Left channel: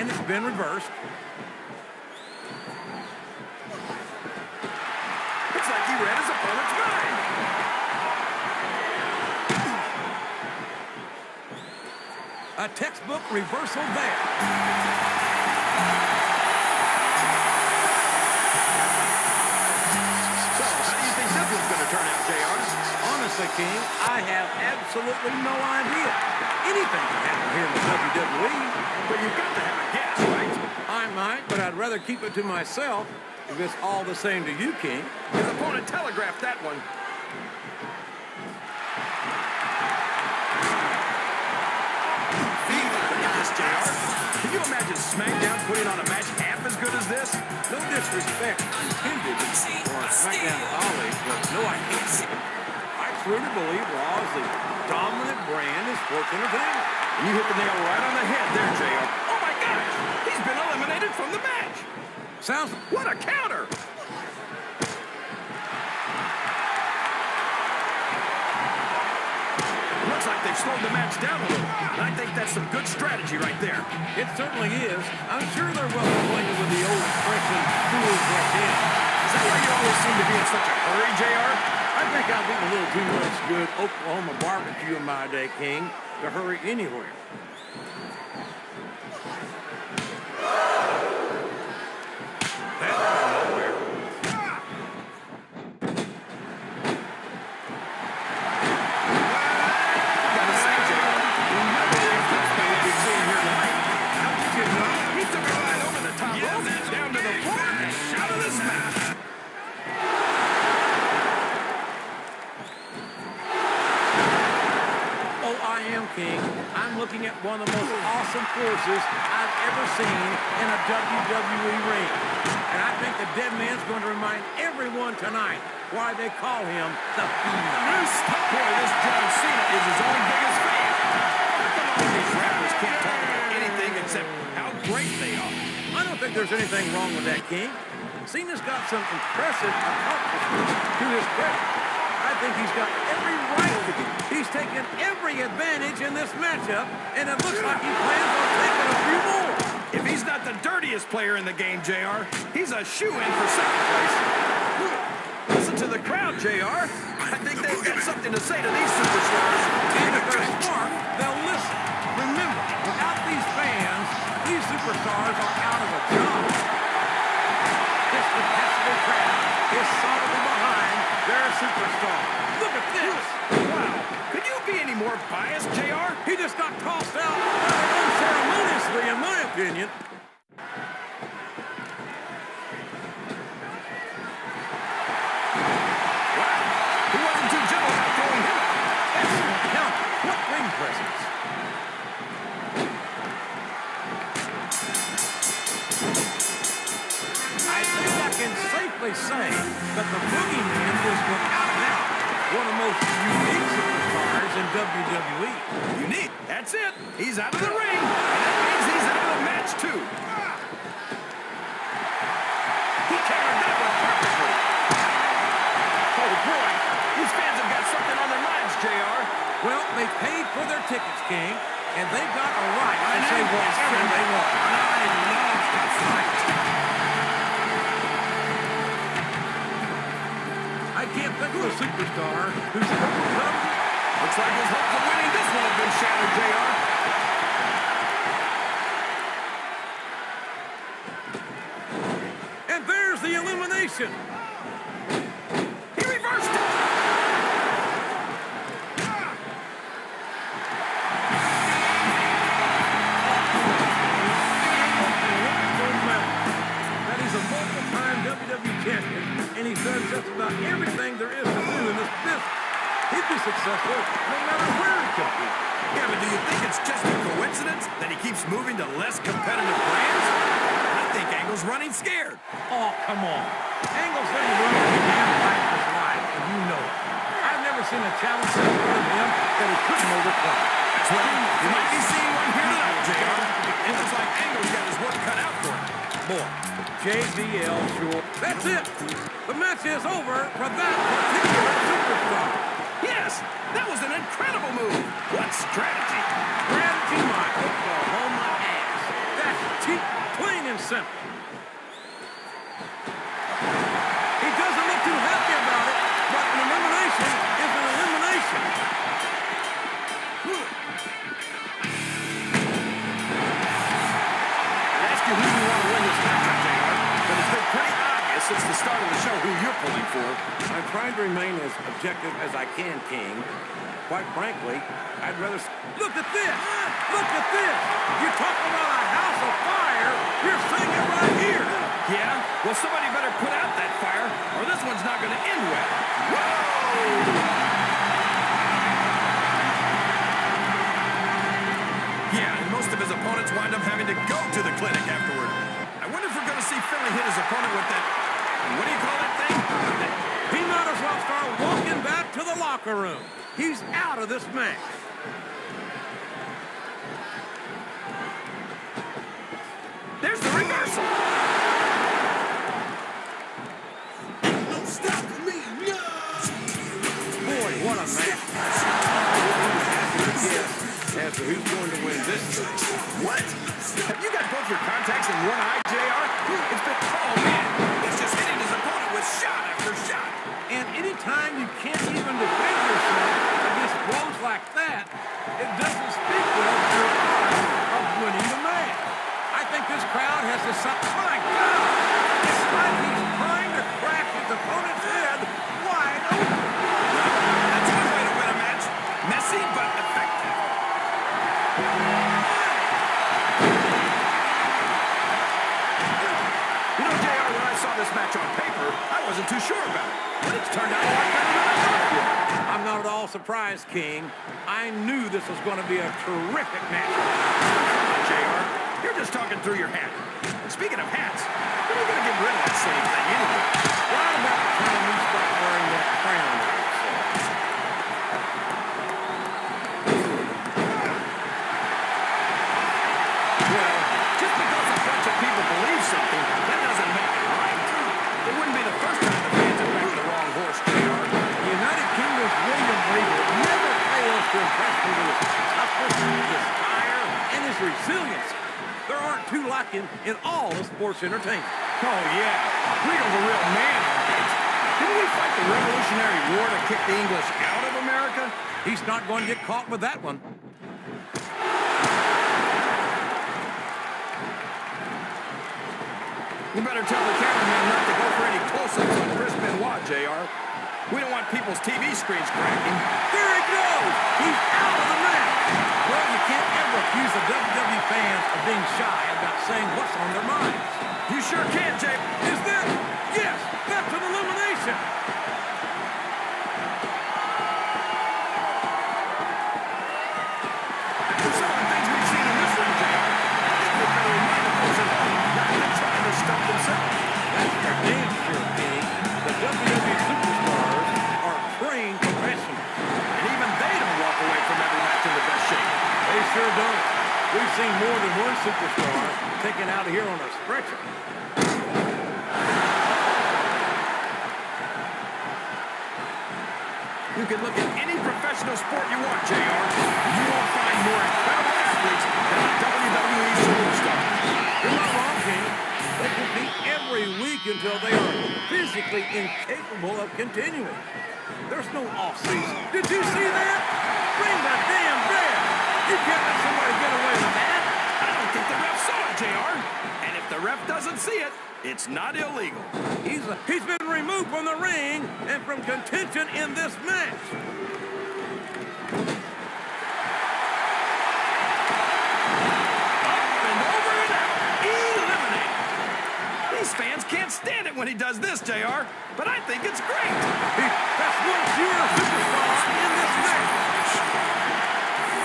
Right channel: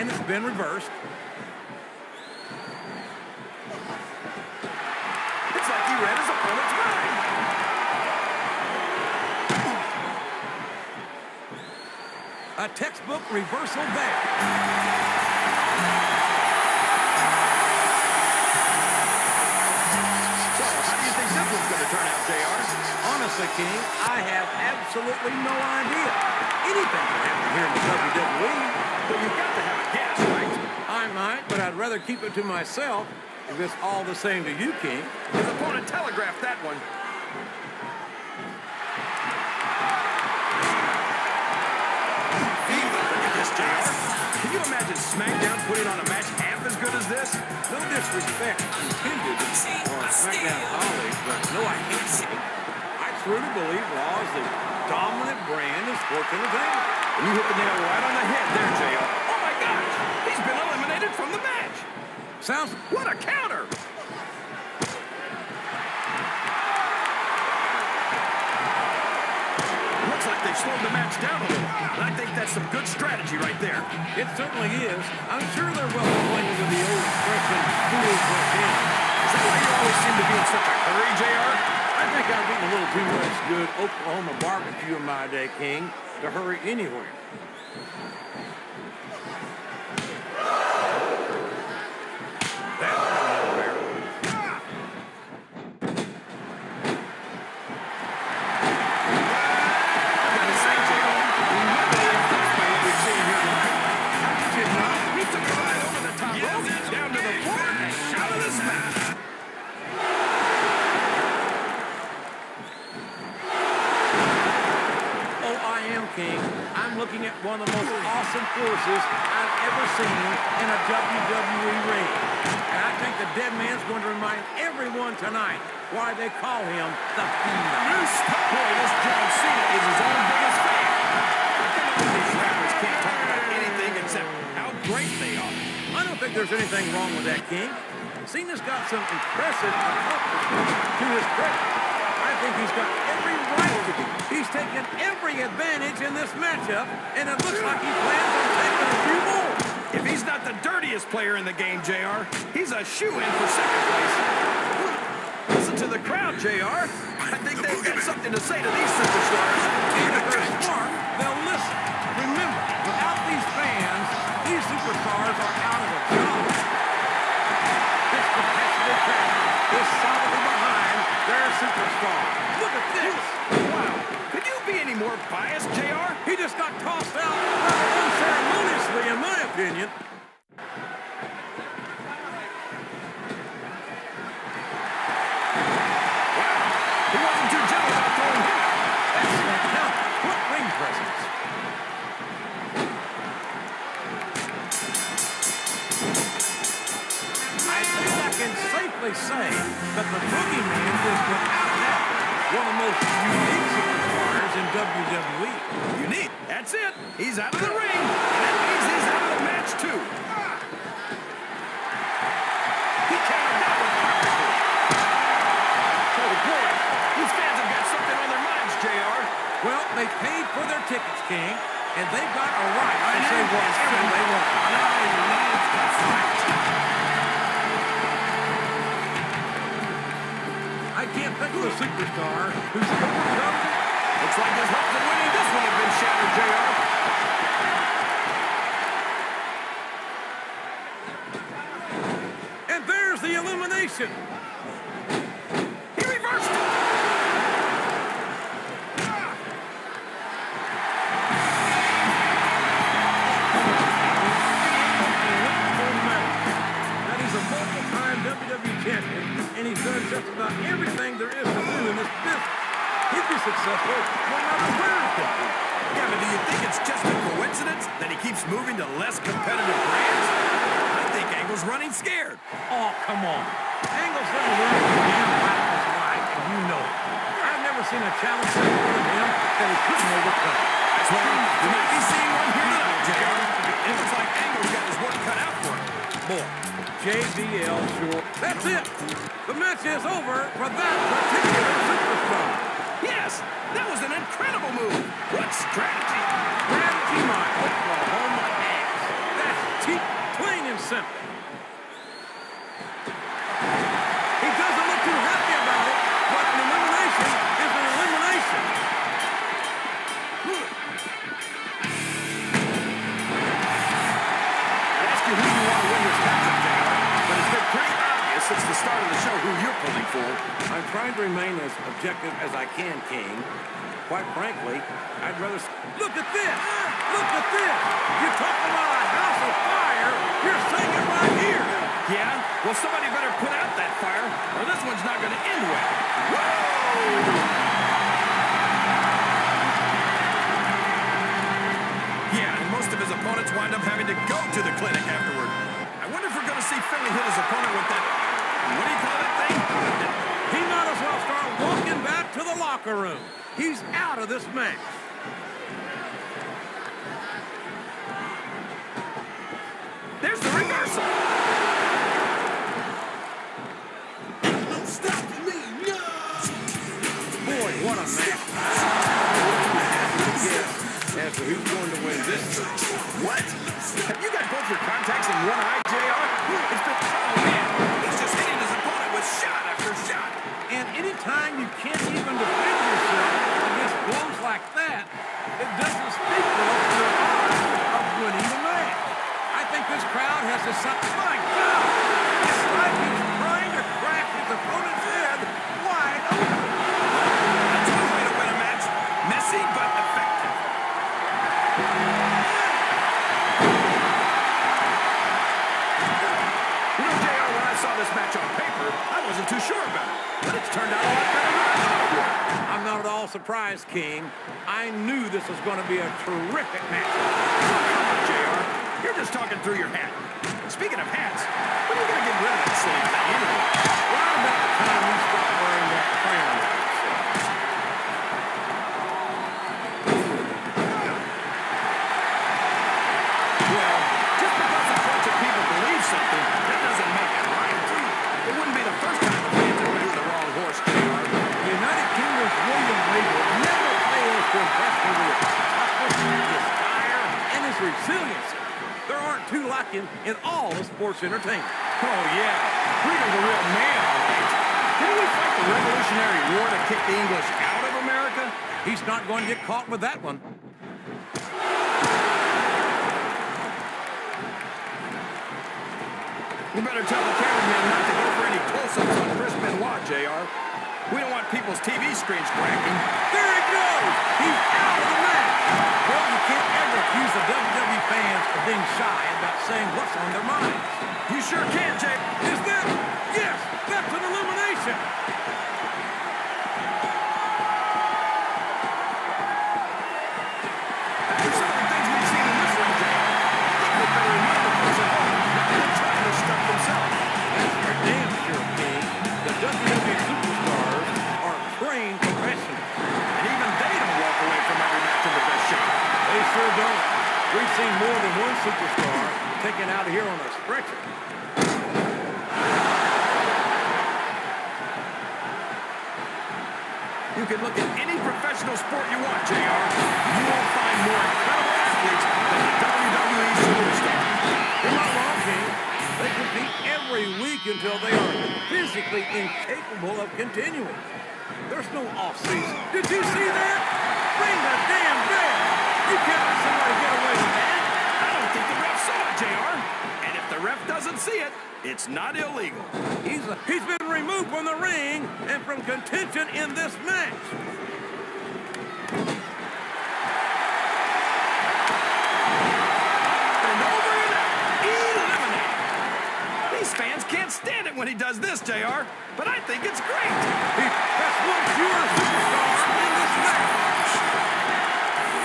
and it's been reversed. It's like he read his opponent's mind. A textbook reversal there. So, how do you think this one's going to turn out, JR? Honestly, King, I have absolutely no idea. Anything can happen here in the WWE. But you've got to have a guess, right? I might, but I'd rather keep it to myself if it's all the same to you, King. His opponent telegraphed that one. Look at this, JR. Can you imagine Smackdown putting on a match half as good as this? No disrespect intended for Smackdown colleagues, but no, I can't. I truly believe Raw is the dominant brand in sports entertainment. And you hit the nail right on the head there, JR. Oh my gosh! He's been eliminated from the match! Sounds... What a counter! Looks like they've slowed the match down a little. And I think that's some good strategy right there. It certainly is. I'm sure they're well acquainted with the old expression, fools rush in. Is that why you always seem to be in such a hurry, JR? I think I've eaten a little too much good Oklahoma barbecue in my day, King, to hurry anywhere. That went nowhere. I've got to say, JR, remember impressed by what we've seen here tonight. How could you not? He took a ride over the top rope, down to the floor, and shouted this match. Oh, I am, King. I'm looking at one of the most awesome forces I've ever seen in a WWE ring. And I think the dead man's going to remind everyone tonight why they call him the Phenom. Boy, this John Cena is his own biggest fan. How come all these rappers can't talk about anything except how great they are? I don't think there's anything wrong with that, King. Cena's got some impressive accomplishments to his credit. I think he's got every right to be. He's taken every advantage in this matchup, and it looks like he plans on taking a few more. If he's not the dirtiest player in the game, JR, he's a shoo-in for second place. Listen to the crowd, JR. I think they've got something to say to these superstars. And if they're smart, they'll listen. Remember, without these fans, these superstars are out of a job. This competitive crowd is solidly behind their superstar. Look at this. Wow. Could you be any more biased, JR? He just got tossed out rather unceremoniously, in my opinion. Wow. He wasn't too gentle about throwing him out. Excellent counter. What ring presence. I think I can safely say that the Boogeyman is without a doubt one of the most unique superstars in WWE. Unique. That's it. He's out of the ring. And that means he's out of the match, too. He countered that one perfectly. Oh, boy. These fans have got something on their minds, JR. Well, they paid for their tickets, King, and they've got a right to say whatever they want. And I love to fight. I can't think of a superstar who's overcome. Looks like his hopes of winning this one have been shattered, JR. And there's the elimination. He reversed it. That he's a multiple-time WWE champion, and he's done just about everything there is to do in this business. He'd be successful no matter where he competes. Yeah, but do you think it's just a coincidence that he keeps moving to less competitive brands? I think Angle's running scared. Oh, come on. Angle's never run a damn fight in his life, and you know it. I've never seen a challenge in front of him that he couldn't overcome. Well, you might be seeing one here tonight, JR. It looks like Angle's got his work cut out for him. Boy, JBL sure. That's it. The match is over for that particular superstar. Yes, that was an incredible move. What strategy? Strategy, my Oklahoma ass. That's cheap, plain and simple. He doesn't look too happy about it, but an elimination is an elimination. I'd ask you who you want to win this matchup, JR, but it's been pretty obvious since the start of the show who you're pulling for. I'm trying to remain as objective as I can, King. Quite frankly, I'd rather... Look at this! Look at this! You talk about a house of fire, you're seeing it right here! Yeah? Well, somebody better put out that fire, or this one's not going to end well. Whoa! Yeah, and most of his opponents wind up having to go to the clinic afterward. I wonder if we're going to see Finley hit his opponent with that... What do you call that thing? He might as well start walking back to the locker room. He's out of this match. There's the reversal. No stopping me, no! Boy, what a match. I wouldn't even hazard a guess as to who's going to win this thing. What? Have you got both your contacts in one eye, JR? It's been... Oh, man. He's just hitting his opponent with shot after shot. And anytime you can't even defend yourself against blows like that, it doesn't speak well to your odds of winning the match. I think this crowd has decided, my God, it's like he's trying to crack his opponent's head wide open. Well, that's one way to win a match. Messy, but effective. You know, JR, when I saw this match on paper, I wasn't too sure about it. But it's turned out a lot better than I thought it would. I'm not at all surprised, King. I knew this was going to be a terrific matchup. Oh, come on, JR. You're just talking through your hat. And speaking of hats, when are you going to get rid of that silly thing anyway? Right about the time we stop wearing that crown on yourself. Well, just because a bunch of people believe something, that doesn't make it right. It wouldn't be the first time the fans have backed the wrong horse, JR. The United Kingdom's William Regal never fails to impress me with his toughness, his fire, and his resiliency. There aren't two like him in all of sports entertainment. Oh, yeah. Regal's a real man, all right. Didn't we fight the Revolutionary War to kick the English out of America? He's not going to get caught with that one. You better tell the cameraman not to go for any close-ups on Chris Benoit, JR. We don't want people's TV screens cracking. There he goes! He's out of the match! Well, you can't ever accuse the WWE fans of being shy about saying what's on their minds. You sure can, Jay. Is that? Yes, that's an elimination! After some of the things we've seen in this ring, JR, I think we better remind the folks at home not to try this stuff themselves. That's for damn sure, King. The WWE superstars are trained professionals. And even they don't walk away from every match in the best shape. They sure don't. We've seen more than one superstar taken out of here on a stretcher. You can look at any professional sport you want, JR. You won't find more incredible athletes than the WWE superstars. You're not wrong, King. They compete every week until they are physically incapable of continuing. There's no off-season. Did you see that? Ring the damn bell. You can't let somebody get away with that. I don't think the ref saw it, JR. And if the ref doesn't see it, it's not illegal. He's been removed from the ring and from contention in this match. Up and over and out. Eliminated. These fans can't stand it when he does this, JR. But I think it's great. That's one fewer superstar in this match.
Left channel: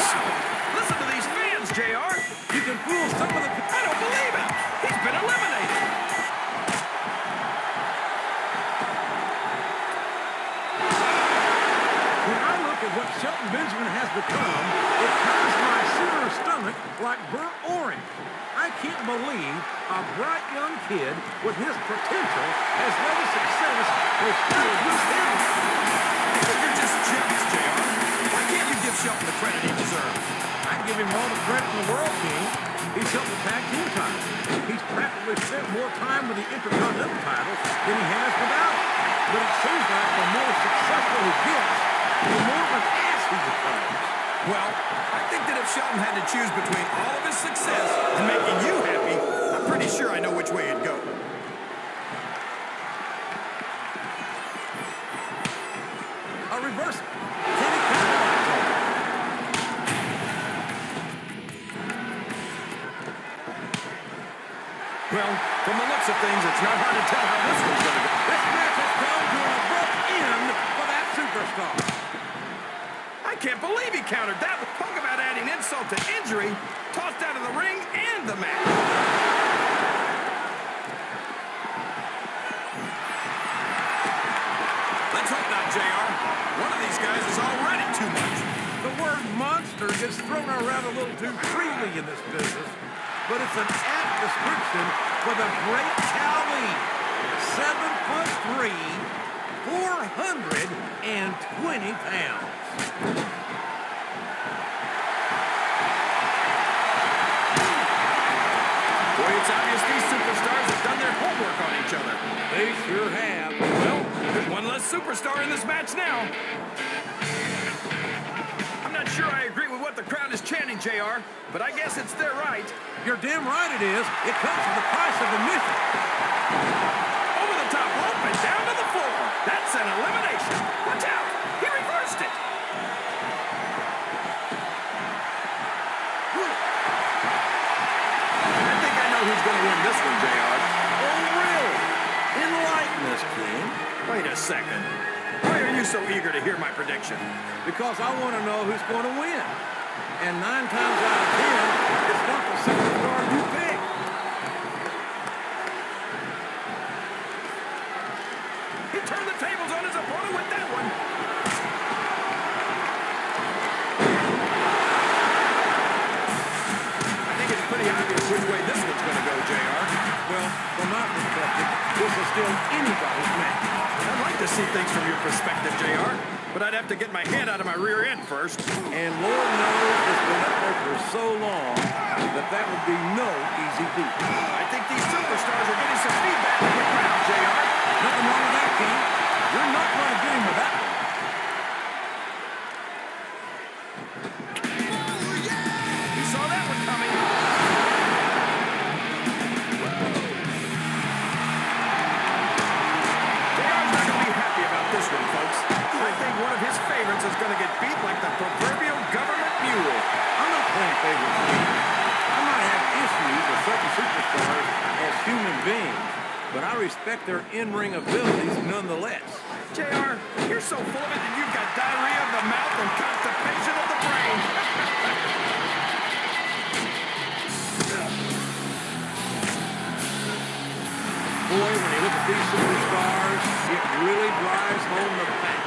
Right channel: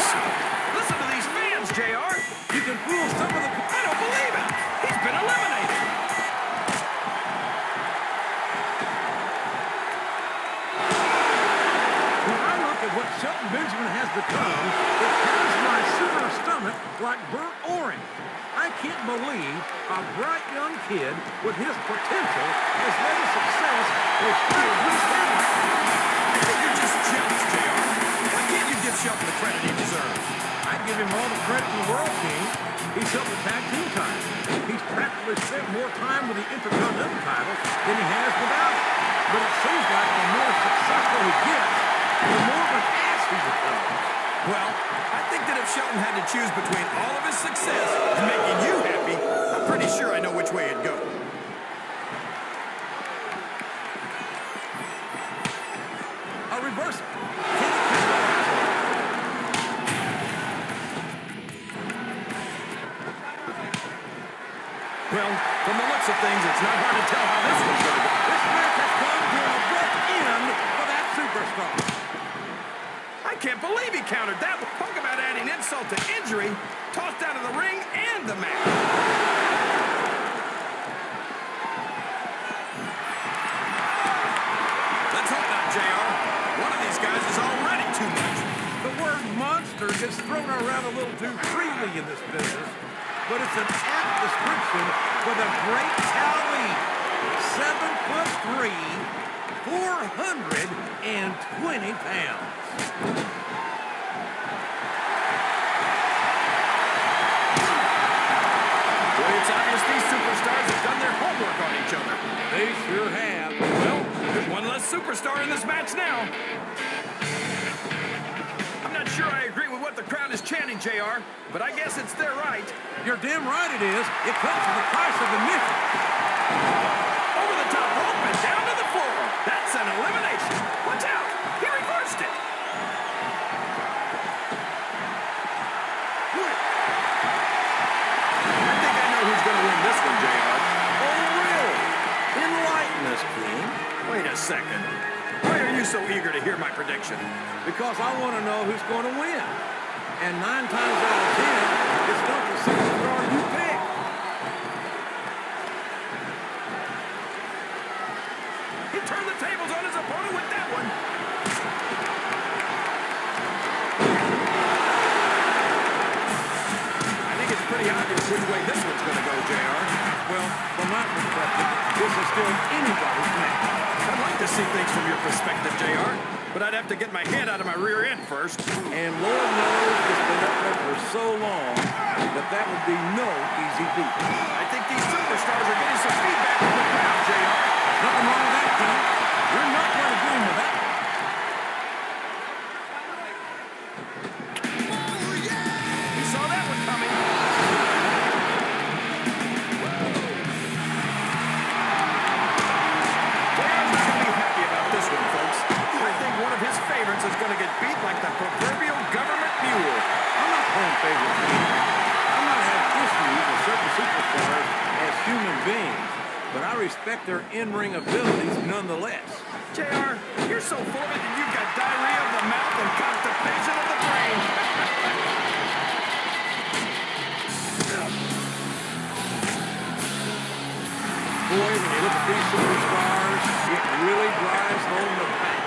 Wow. Listen to these fans, JR. You can fool some of the... I don't believe it. He's been eliminated. When I look at what Shelton Benjamin has become, it turns my Sooner stomach like burnt orange. I can't believe a bright young kid with his potential has led to success with straight loose headlines. I think you're just jealous, JR. Why can't you give Shelton the credit he deserves? I I'd give him all the credit in the world, King. He's helped the tag team title. He's practically spent more time with the Intercontinental title than he has without it. But it seems like the more successful he gets, the more of an ass he becomes. Well, I think that if Shelton had to choose between all of his success and making you happy, I'm pretty sure I know which way it'd go. A reversal. Can he capitalize on it? Well, from the looks of things, it's not hard to tell how this one's going to go. This match has come to an abrupt end for that superstar. I can't believe he countered that. Talk about adding insult to injury. Tossed out of the ring and the match. Let's hope not, JR. One of these guys is already too much. The word monster gets thrown around a little too freely in this business, but it's an apt description for the great Khali. 7'3", 420 pounds. Boy, it's obvious these superstars have done their homework on each other. They sure have. Well, there's one less superstar in this match now. I'm not sure I agree with what the crowd is chanting, JR, but I guess it's their right. You're damn right it is. It comes with the price of admission. Over the top rope and down to the floor. That's an elimination. Watch out. He reversed it. I think I know who's going to win this one, JR. Oh, really? Enlighten us, King. Wait a second. Why are you so eager to hear my prediction? Because I want to know who's going to win. And 9 times out of 10, it's not the superstar you pick. He turned the tables on his opponent with that one. I think it's pretty obvious which way this one's going to go, JR. Well, from my perspective, this is still anybody's match. I'd like to see things from your perspective, JR, but I'd have to get my head out of my rear end first. And Lord knows it's been up there for so long that would be no easy feat. I think these superstars are getting some feedback from the crowd, JR. Nothing wrong with that, King. You're not going to get him with that one. He saw that one coming. JR's not going to be happy about this one, folks. I think one of his favorites is going to get beat like the proverbial government mule. I'm not playing favorites, King. I might have issues with certain superstars as human beings, but I respect their in-ring abilities nonetheless. JR, you're so full of it that you've got diarrhea of the mouth and constipation of the brain. Boy, when you look at these superstars, it really drives home the fact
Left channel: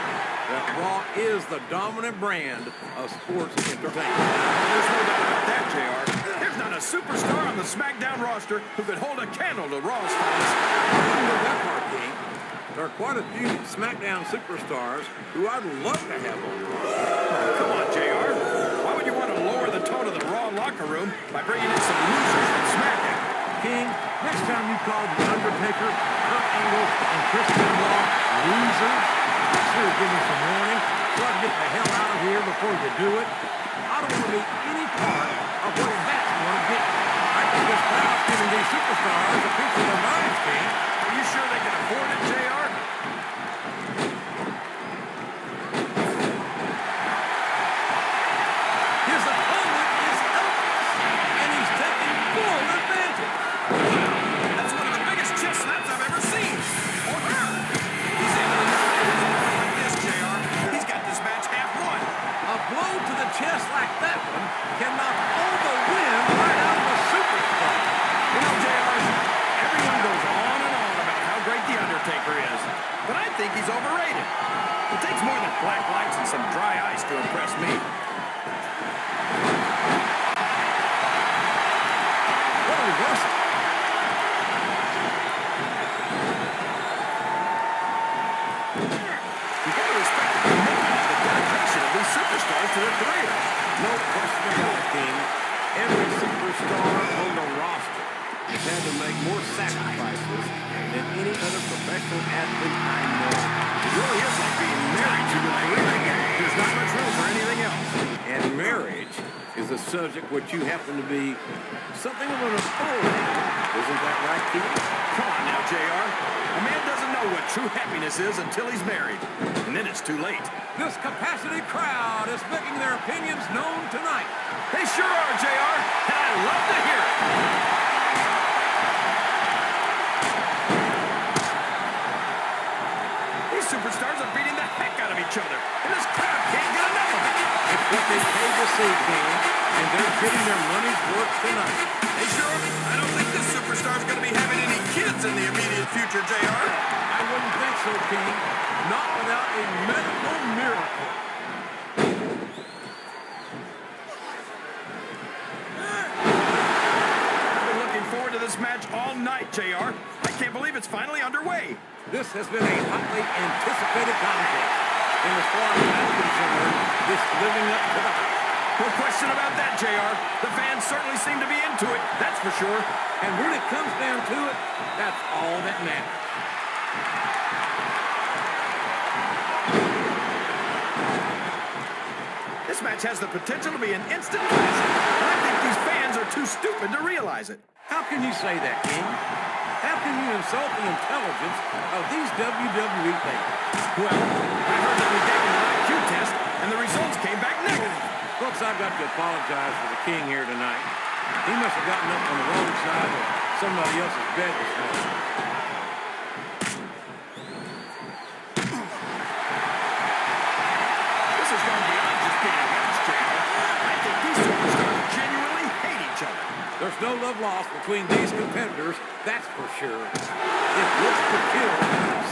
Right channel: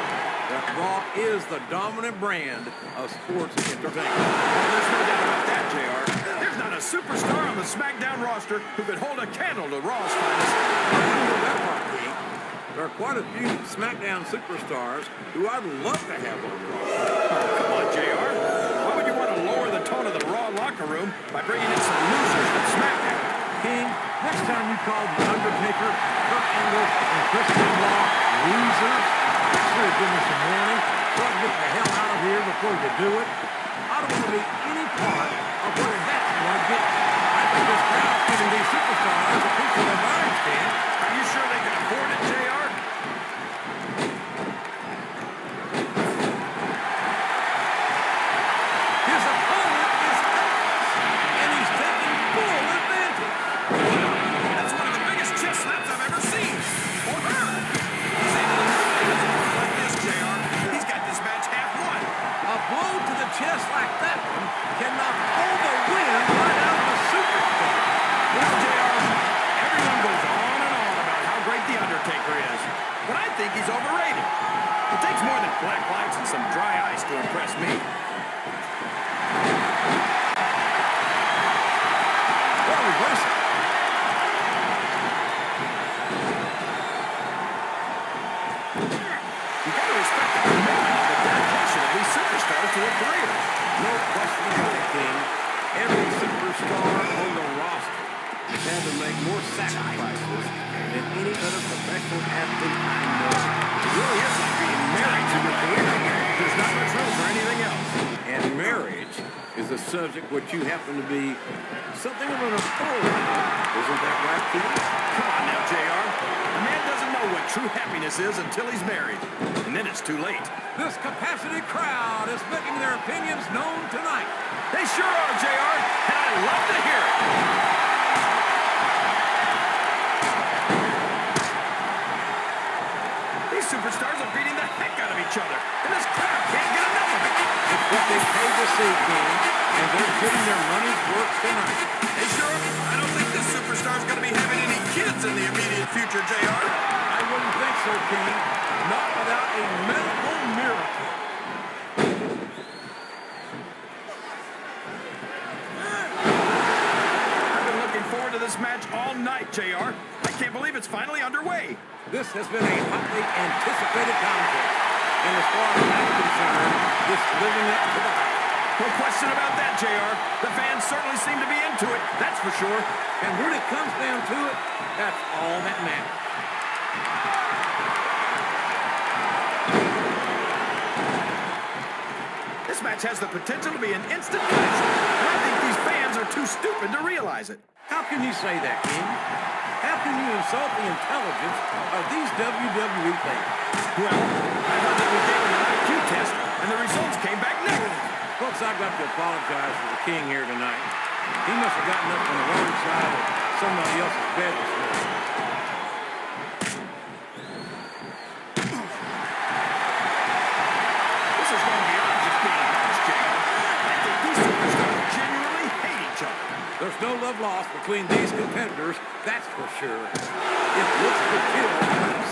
that Raw is the dominant brand of sports entertainment. Well, there's no doubt about that, JR. There's not a superstar on the Smackdown roster who could hold a candle to Raw's finest. I wouldn't go that far, King. There are quite a few Smackdown superstars who I'd love to have on Raw. Oh, come on, JR. Why would you want to lower the tone of the Raw locker room by bringing in some losers from Smackdown? King, next time you call The Undertaker, Kurt Angle, and Chris Benoit losers, make sure to give me some warning so I can get the hell out of here before you do it. I don't want to be any part of what that's going to get. I think this crowd's giving these superstars a piece of their minds, King. Are you sure they can afford it, JR? His opponent is helpless, and he's taking full advantage. Wow, that's one of the biggest chest slaps I've ever seen. Or her. He's able to dominate his opponent like this, JR. He's got this match half won. A blow to the chest like that one can knock all the wind right out of a superstar. You know, JR, everyone goes on and on about how great The Undertaker is, but I think he's overrated. It takes more than black lights and some dry ice to impress me. What a reversal. You got to respect the commitment and the dedication of these superstars to their careers. No question about it, King. Every superstar on the roster has had to make more sacrifices than any other professional athlete I know. It really is like being married to your career. There's not much room for anything else. And marriage is a subject which you happen to be something of an authority on. Isn't that right, Keith? Come on now, JR. A man doesn't know what true happiness is until he's married. And then it's too late. This capacity crowd is making their opinions known tonight. They sure are, JR, and I love to hear it. These superstars are beating the heck out of each other, and this crowd can't get enough of it. It's what they paid to see, King, and they're getting their money's worth tonight. Hey, sure, I don't think this superstar's going to be having any kids in the immediate future, JR. I wouldn't think so, King. Not without a medical miracle. I've been looking forward to this match all night, JR. I can't believe it's finally underway. This has been a hotly anticipated contest. And as far as I'm concerned, it's living up to the hype. No question about that, JR. The fans certainly seem to be into it, that's for sure. And when it comes down to it, that's all that matters. This match has the potential to be an instant classic, and I think these fans are too stupid to realize it. How can you say that, King? How can you insult the intelligence of these WWE fans? Well, I heard that we gave them an IQ test, and the results came back negative. Folks, I've got to apologize for the King here tonight. He must have gotten up on the wrong side of somebody else's bed this morning. This has gone beyond just being a match, JR. I think these superstars genuinely hate each other. There's no love lost between these competitors, that's for sure. If looks could kill,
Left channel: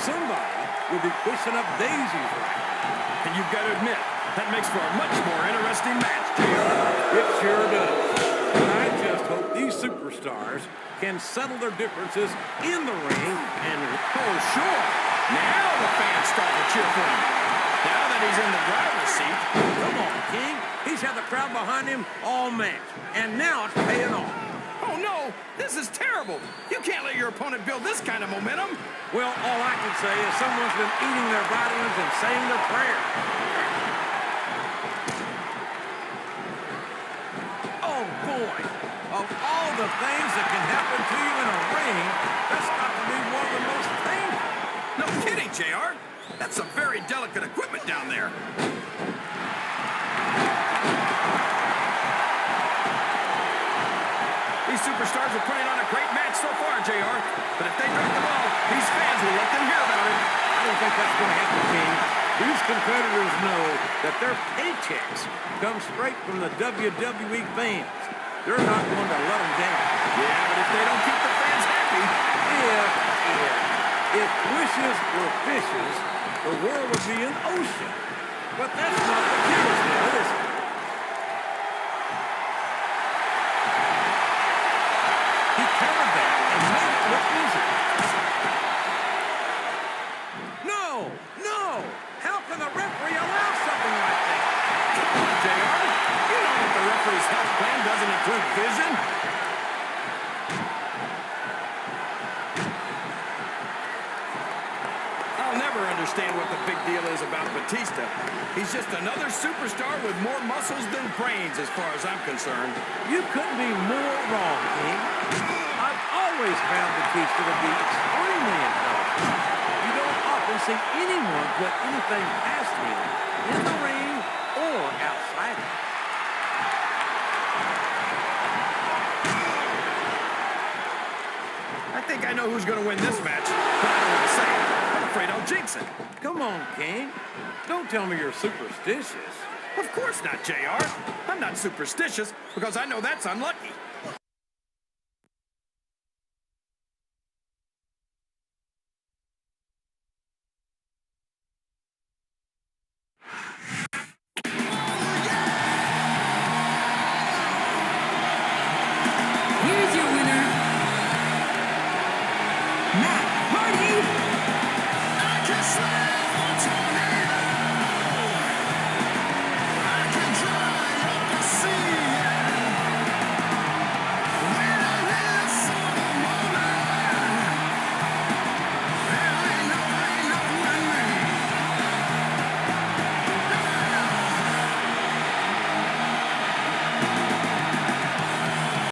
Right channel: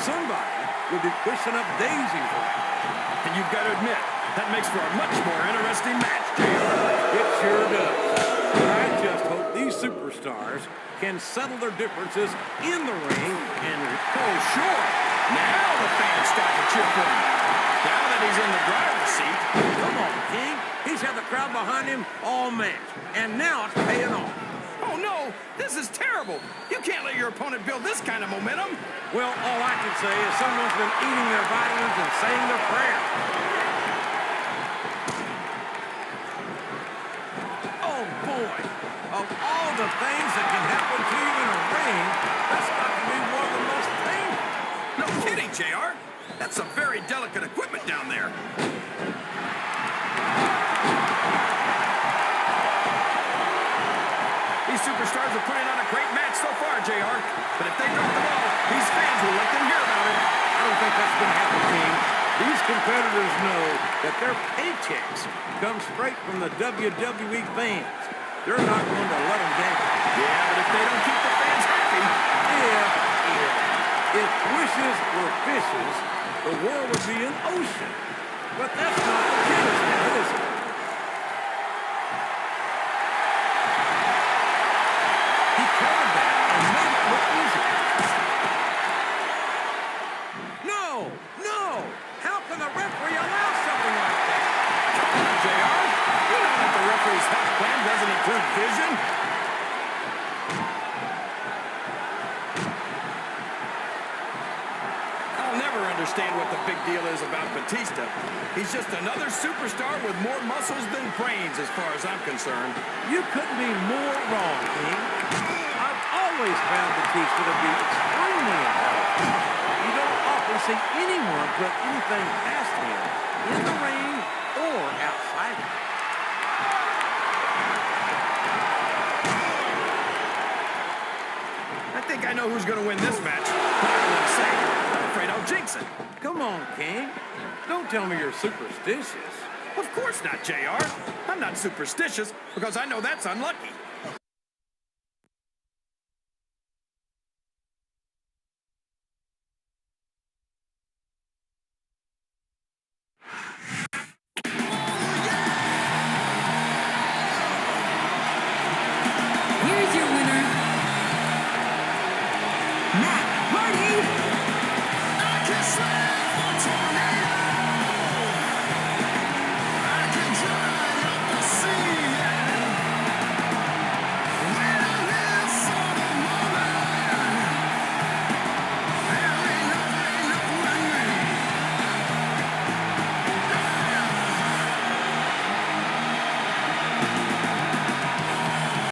somebody would be pushing up daisies right now. And you've got to admit, that makes for a much more interesting match, JR. It sure does. But I just hope these superstars can settle their differences in the ring and... Oh, sure. Now the fans start to cheer for him. Now that he's in the driver's seat. Come on, King. He's had the crowd behind him all match. And now it's paying off. Oh, no. This is terrible. You can't let your opponent build this kind of momentum. Well, all I can say is someone's been eating their vitamins and saying their prayers. Oh, boy. Of all the things that can happen to you in a ring, that's got to be one of the most painful. No kidding, JR. That's some very delicate equipment down there. These superstars are putting on a great match so far, JR. But if they drop the ball, these fans will let them hear about it. I don't think that's going to happen, King. These competitors know that their paychecks come straight from the WWE fans. They're not going to let them down. Yeah, but if they don't keep the fans happy... If wishes were fishes, the world would be an ocean. But that's not the case now, is it? He countered that and made it look easy. No! No! How can the referee allow something like that? Come on, JR. You know that the referee's health plan doesn't include vision. I'll never understand what the big deal is about Batista. He's just another superstar with more muscles than brains as far as I'm concerned. You couldn't be more wrong, King. I've always found Batista to be extremely intelligent. You don't often see anyone put anything past him in the ring or outside it. I think I know who's going to win this match, but I don't want to say it. I'm afraid I'll jinx it. Come on, King. Don't tell me you're superstitious. Of course not, JR. I'm not superstitious because I know that's unlucky. Here's your winner.